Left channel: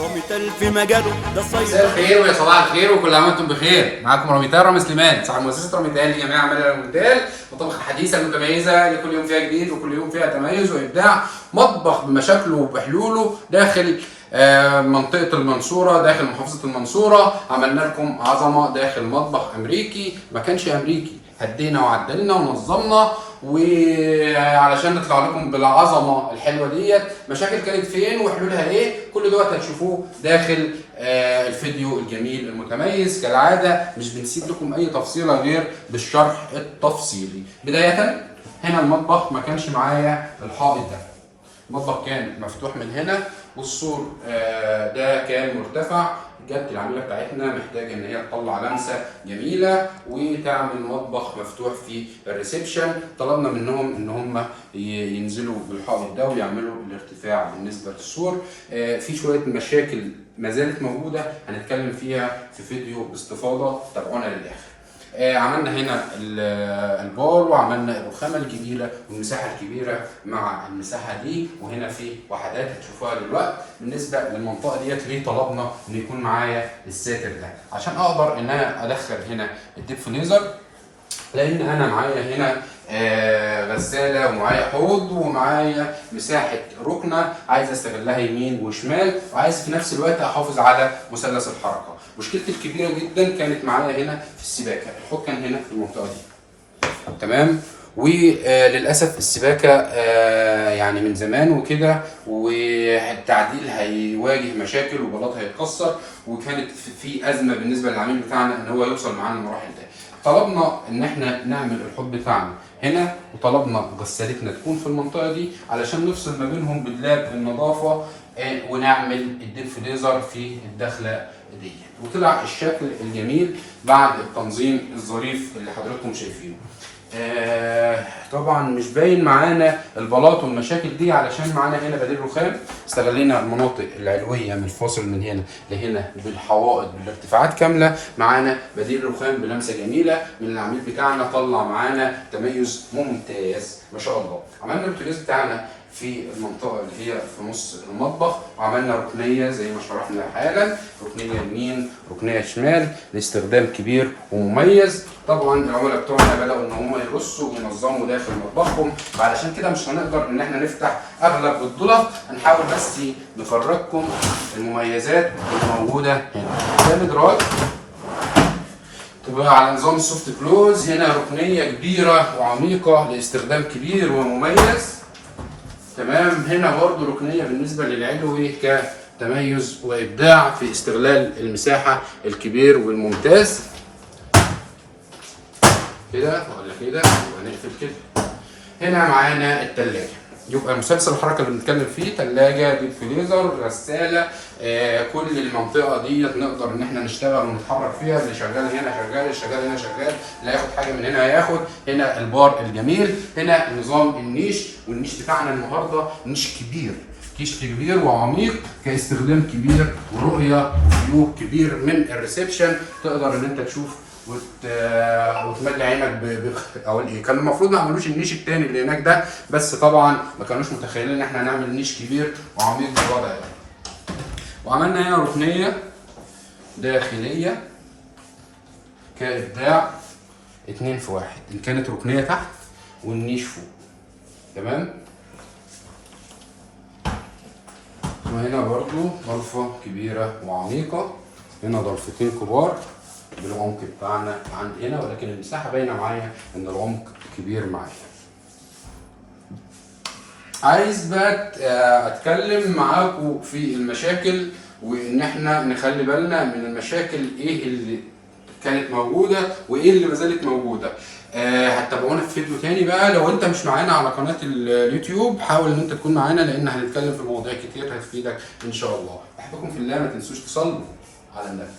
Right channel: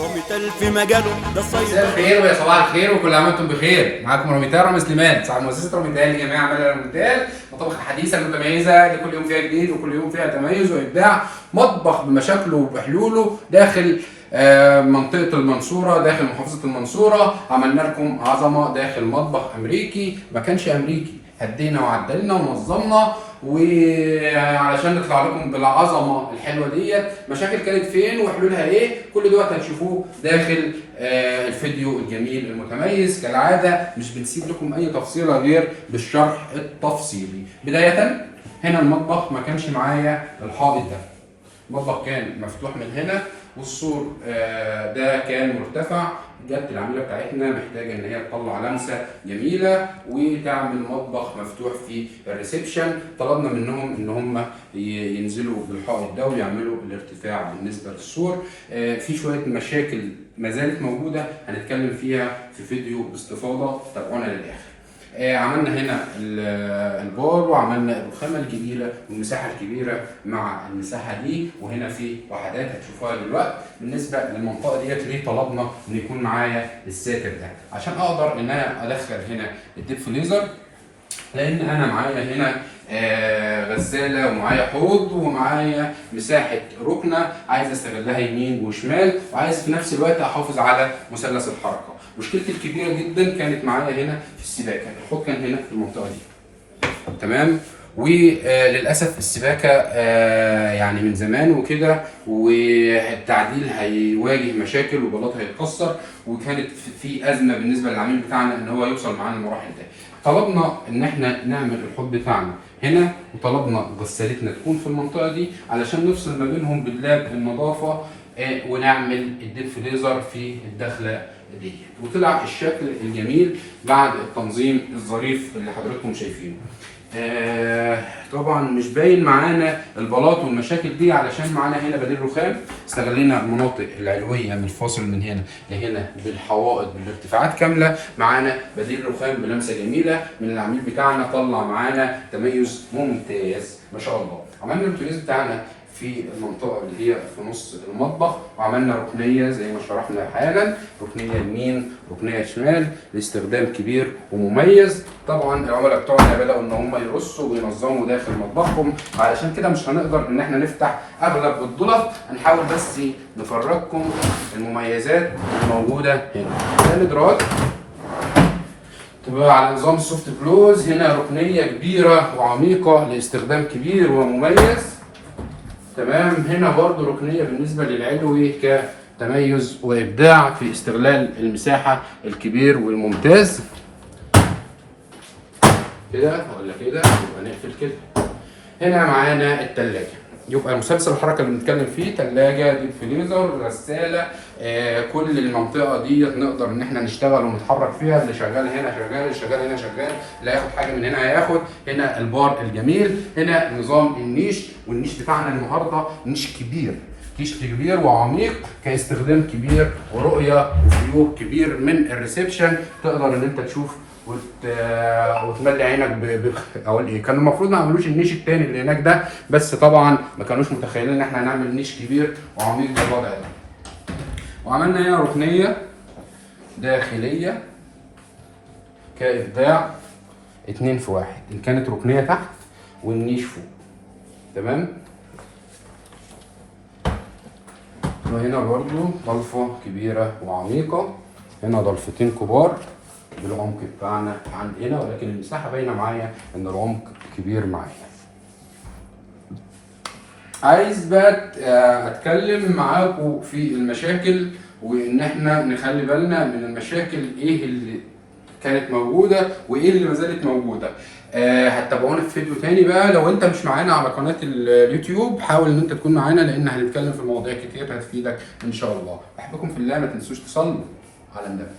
رامي في مجاله ده مساء صيد. الخير ويا صباح الخير وكل عام وانتم بخير. معاكم راميتال رامي سليمان صاحب مؤسسه راميتال لجميع اعمال راميتال، مطابخ الحديثه المتميزه اللي كل يوم فيها جديد وكل يوم فيها تميز وابداع. مطبخ بمشاكله وبحلوله داخل منطقه المنصوره، داخل محافظه المنصوره. عملنا لكم عظمه داخل مطبخ امريكي، ما كانش امريكي، هدينا وعدلنا ونظمنا وعلشان نطلع لكم بالعظمه الحلوه ديت. مشاكل كانت فين وحلولها ايه، كل دوت هتشوفوه داخل الفيديو الجميل المتميز. كالعاده مش بنسيب لكم اي تفصيله غير بالشرح التفصيلي. بدايه هنا المطبخ ما كانش معايا الحائط ده، المطبخ كان مفتوح من هنا والسور ده كان مرتفع. جت العميله بتاعتنا محتاجه ان هي تطلع لمسه جميله وتعمل مطبخ مفتوح في الريسبشن. طلبنا منهم ان هم ينزلوا بالحائط ده ويعملوا الارتفاع بالنسبه للسور. في شويه مشاكل ما زالت موجوده هنتكلم فيها في فيديو باستفاضه، تابعونا للاخر. عملنا هنا البار وعملنا الرخامه الكبيره والمساحه الكبيره مع المساحه دي، وهنا في وحدات هتشوفوها دلوقتي. بالنسبه للمنطقه ديت ليه طلبنا ان يكون معايا الساتر ده؟ عشان اقدر ان انا ادخل هنا الديب فريزر، لان انا معايا هنا غساله ومعايا حوض ومعايا مساحه ركنه عايز استغلها يمين وشمال، وعايز في نفس الوقت احافظ على مثلث الحركه. مشكلتي الكبيره جدا كانت معايا هنا في السباكه، الحوض كان هنا في المنطقه دي تمام، وللاسف السباكه يعني من زمان وكده، والتعديل هيواجه مشاكل وبلاط هيتكسر، وكانت في ازمه بالنسبه للعميل بتاعنا ان هو يوصل معانا المراحل دي. طلبنا ان احنا نعمل الحوض بتاعنا هنا، وطلبنا غسالتنا تكون في المنطقه دي علشان نفصل ما بينهم بدلاب النظافه، ونعمل الديب فريزر في الدخله دي. وطلع الشكل الجميل بعد التنظيم الظريف اللي حضراتكم شايفينه. طبعا مش باين معانا البلاط والمشاكل دي علشان معانا هنا بديل رخام. استغلينا المناطق العلويه من الفاصل من هنا لهنا بالحوائط بالارتفاعات كامله، معانا بديل رخام بلمسه جميله من العميل بتاعنا، طلع معانا تميز ممتاز ما شاء الله. عملنا البوتاجاز بتاعنا في المنطقه اللي هي في نص المطبخ، وعملنا ركنيه زي ما شرحنا حالا، ركنيه يمين ركنيه شمال لاستخدام كبير ومميز. طبعا العملاء بتوعنا بداوا ان هم يرصوا وينظموا داخل مطبخهم، علشان كده مش هنقدر ان احنا نفتح اغلب الضلف، هنحاول بس نفرجكم المميزات الموجوده هنا. ده مدراج تبقى على نظام السوفت كلوز، هنا ركنيه كبيره وعميقه لاستخدام كبير ومميز تمام. هنا برضو ركنيه بالنسبه للعلوي كتميز وابداع في استغلال المساحه الكبير والممتاز. كده ولا كده يبقى نقفل كده. هنا معانا الثلاجه، يبقى مسلسل الحركه اللي بنتكلم فيه ثلاجه، ديب فريزر، غساله، كل المنطقه ديت نقدر ان احنا نشتغل ونتحرك فيها. اللي شغال هنا شغال، اللي شغال هنا شغال، اللي هياخد حاجه من هنا هياخد. هنا البار الجميل، هنا نظام النيش، والنيش بتاعنا النهارده نيش كبير، كيش كبير وعميق كاستخدام كبير ورؤيه وفيو كبير من الريسبشن. تقدر ان انت تشوف وتملي عينك اقول ايه. كان المفروض ما عملوش النيش التاني اللي هناك ده، بس طبعا ما كانوش متخيلين ان احنا هنعمل نيش كبير وعميق بالوضع ده. وعملنا هنا ركنيه داخليه كابداع 2 في 1، ان كانت ركنيه تحت والنيش فوق تمام. وهنا برضو ضلفه كبيره وعميقه، هنا ضلفتين كبار بالعمق بتاعنا عند هنا، ولكن المساحه باينه معايا ان العمق كبير معايا. عايز بقى اتكلم معاكم في المشاكل، وان احنا نخلي بالنا من المشاكل ايه اللي كانت موجوده وايه اللي ما زالت موجوده. هتتابعونا في فيديو تاني بقى. لو انت مش معانا على قناه اليوتيوب حاول ان انت تكون معانا، لان هنتكلم في مواضيع كتير هتفيدك ان شاء الله. احبكم في الله، ما تنسوش تصلوا على النبي.